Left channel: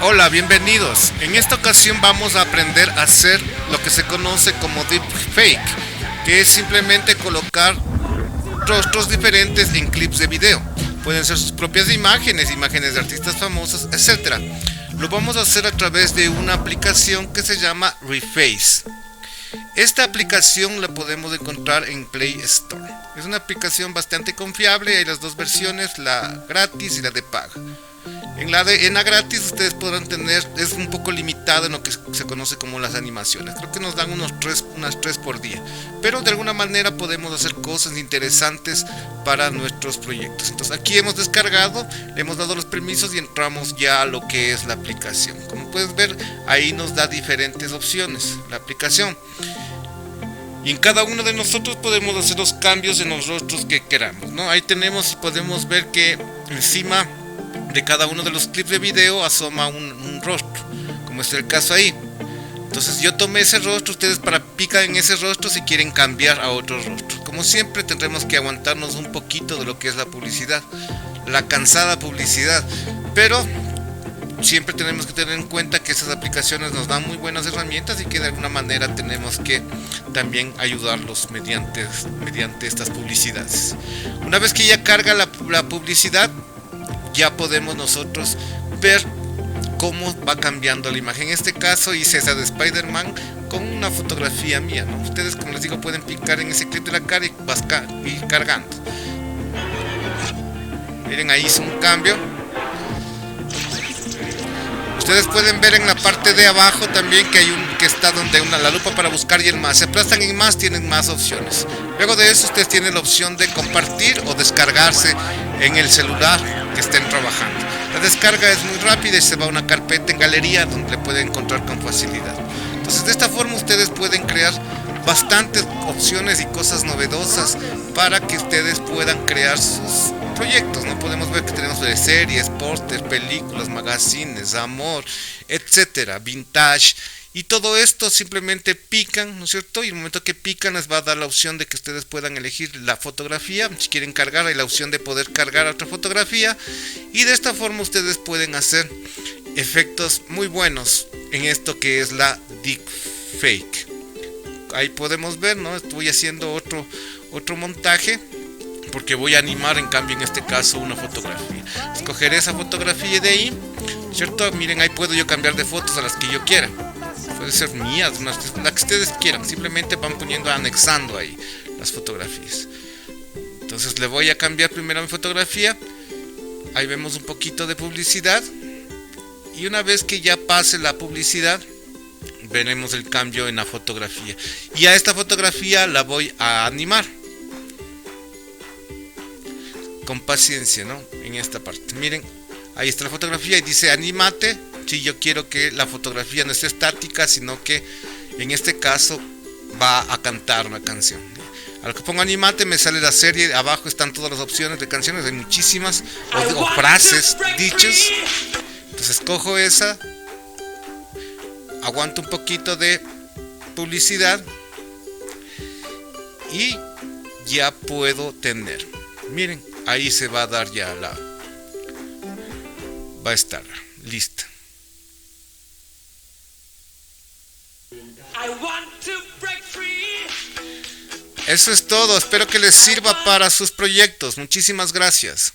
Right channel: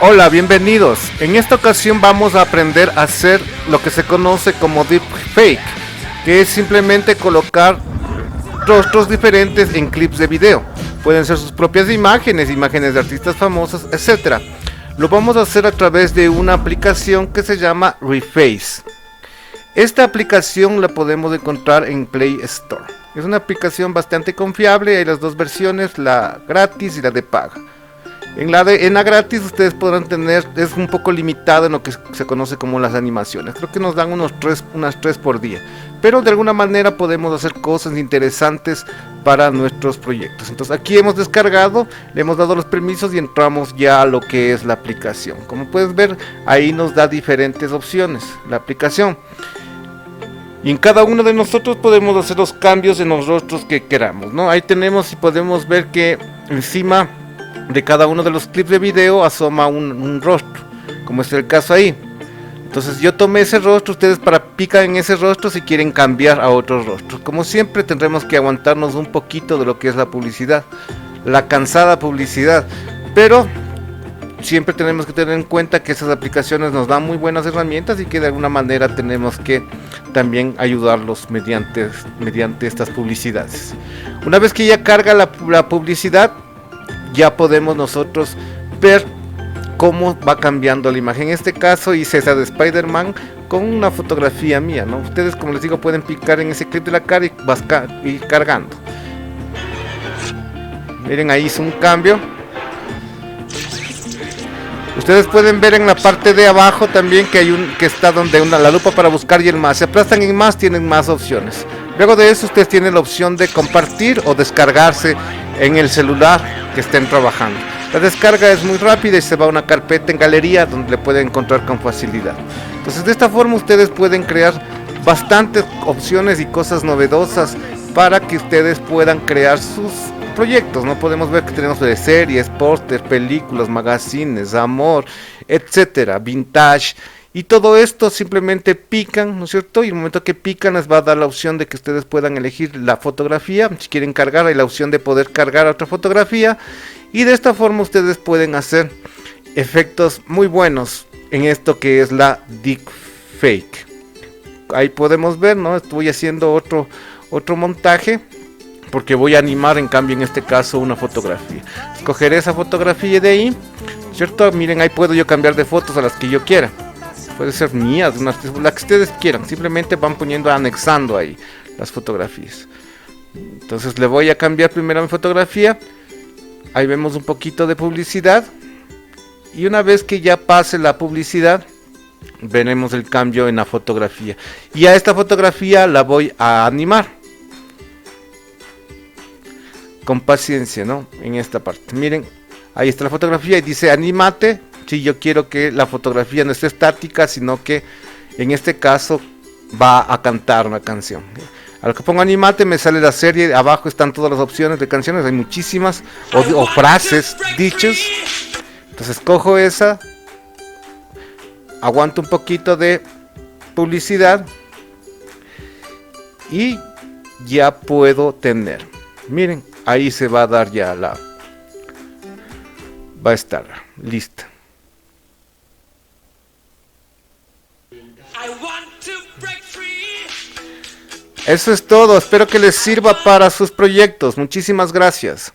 Hola, bienvenidos. En esta ocasión vamos a aprender a hacer lo que se conoce como deepfake, que es simplemente colocar rostros diferentes en clips de video. Pueden ser sus propias imágenes, imágenes de artistas famosos, etc. Lo vamos a hacer a través de una aplicación que se llama Reface. Esta aplicación la podemos encontrar en Play Store. Es una aplicación bastante confiable, hay las dos versiones, la gratis y la de paga. En la gratis ustedes podrán tener, es un poco limitado en lo que se conoce como las animaciones. Creo que nos dan unas 3 por día. Pero de alguna manera podemos hacer cosas interesantes para nuestros proyectos. Entonces aquí hemos descargado, le hemos dado los permisos y entramos ya a lo que es la aplicación. Como puedes ver, ahí nos da diferentes opciones la aplicación. Y en cada uno de nosotros podemos hacer los cambios en los rostros que queramos, ¿no? Ahí tenemos y podemos ver que encima de cada uno de los clips de video asoma un rostro, como es el caso ahí. Entonces yo tomé ese rostro, ustedes pican en ese rostro si quieren cambiar a otro rostro. Como siempre tendremos que aguantarnos un poquito de lo que es la publicidad, la cansada publicidad, pero siempre tenemos que tener en cuenta que esas aplicaciones nos dan muy buenas herramientas y que de alguna manera tenemos que también ayudarlos mediante estas publicidades. Una vez que ya carga la publicidad, ya podemos nosotros ver cómo va cambiando la imagen. En este caso hice esa de Spider-Man con una fotografía mía, ¿no? Ustedes, como les digo, pueden picar en ese clip de la cara y vas ir cargando. Miren, ahí hizo un cambio. Ustedes pueden ver en la parte de abajo también que hay que está donde la lupa para buscar y el más. Si aplastan en más, tienen más opciones. Luego de eso ustedes tienen la opción de compartir o descargarse en el celular que estén trabajando. La descarga es muy rápida y se va a una carpeta en galería donde le pueden encontrar con facilidad. Entonces de esta forma ustedes pueden crear bastantes opciones y cosas novedosas para que ustedes puedan crear sus proyectos, ¿no? Podemos ver que tenemos de series, póster, películas, magazines, amor, etcétera, vintage. Y todo esto simplemente pican, ¿no es cierto? Y el momento que pican les va a dar la opción de que ustedes puedan elegir la fotografía. Si quieren cargar, hay la opción de poder cargar otra fotografía. Y de esta forma ustedes pueden hacer efectos muy buenos en esto que es la deepfake. Ahí podemos ver, ¿no? Estoy haciendo otro montaje, porque voy a animar en cambio en este caso una fotografía. Escogeré esa fotografía de ahí, ¿cierto? Miren, ahí puedo yo cambiar de fotos a las que yo quiera. Puede ser mías, la que ustedes quieran. Simplemente van poniendo, anexando ahí las fotografías. Entonces le voy a cambiar primero mi fotografía. Ahí vemos un poquito de publicidad. Y una vez que ya pase la publicidad, veremos el cambio en la fotografía. Y a esta fotografía la voy a animar con paciencia, ¿no? En esta parte, miren, ahí está la fotografía y dice anímate. Si yo quiero que la fotografía no esté estática, sino que en este caso va a cantar una canción. A lo que pongo anímate me sale la serie, abajo están todas las opciones de canciones, hay muchísimas, o frases, dichos. Entonces cojo esa, aguanto un poquito de publicidad y ya puedo tener, miren, ahí se va a dar ya va a estar lista. Eso es todo, espero que les sirva para sus proyectos. Muchísimas gracias.